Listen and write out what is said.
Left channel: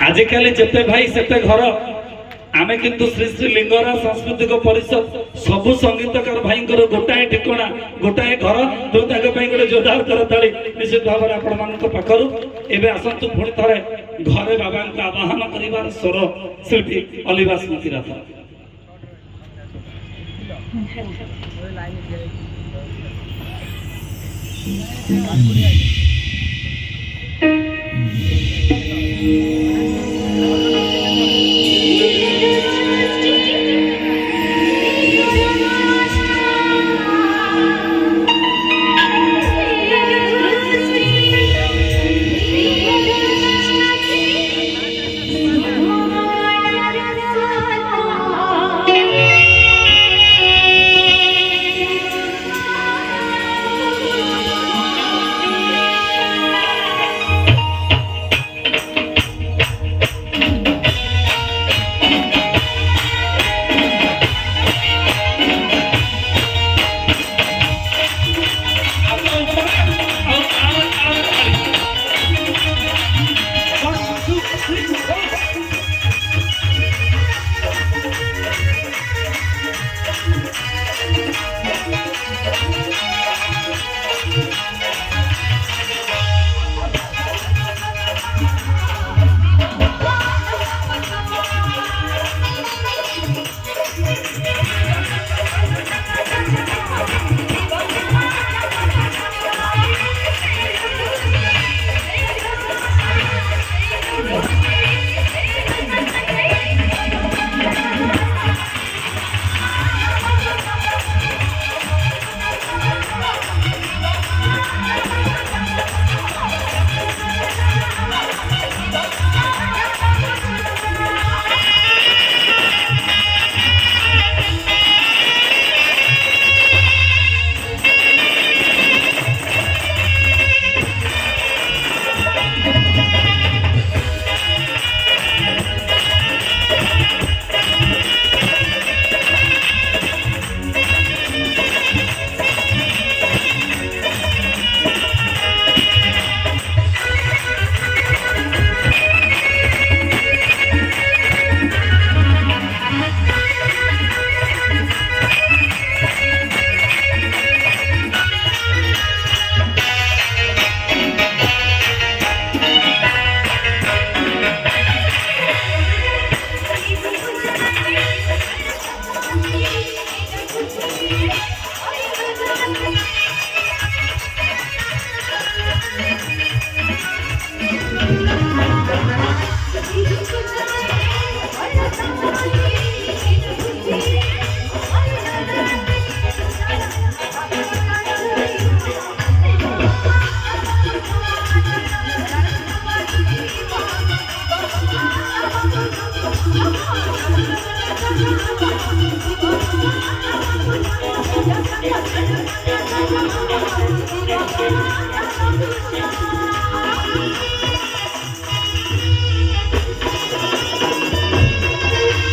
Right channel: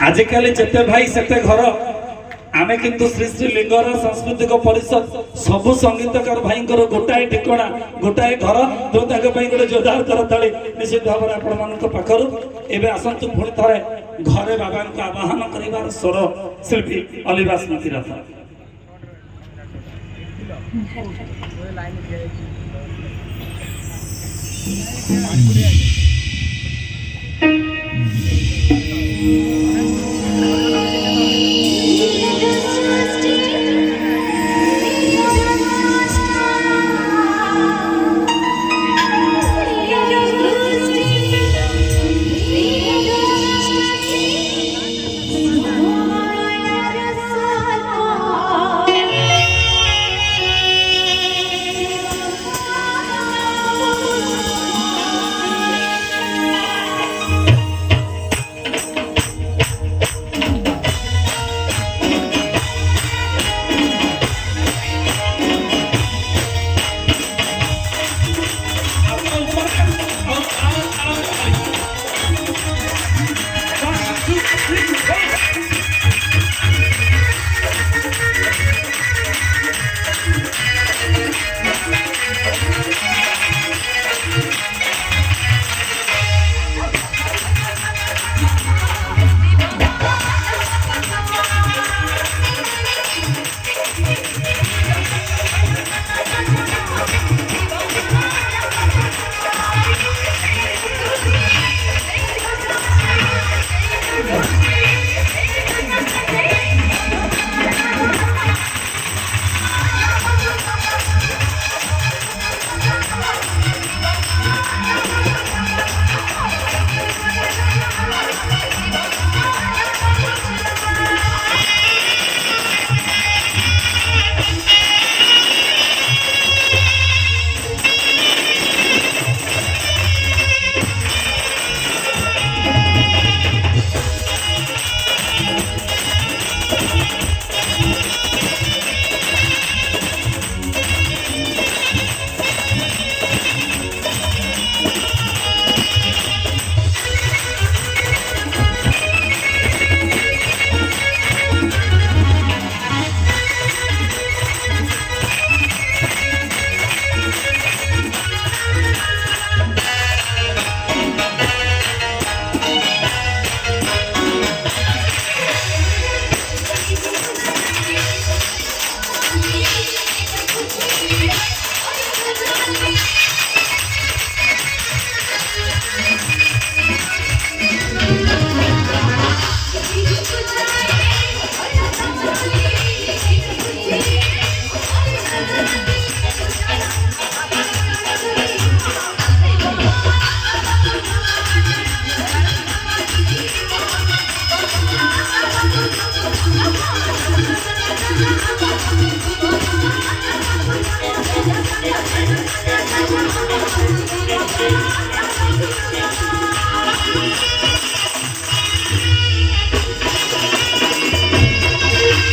आजिकाली जिते भाई सेते घर आमे किंतु श्री श्री लिंगराज सांस्कृतिक परिषद सबु संगीतकार भाई गोटाए ठिकणा गोटाए घर जो गोटे जोरदार करताली निश्चित भाव में आपण पाखर एवं आसतु पुणी थे घरे बाबा आवाहन कर स्वर शिल्पी अलिभा स्मृति रथ Thank you.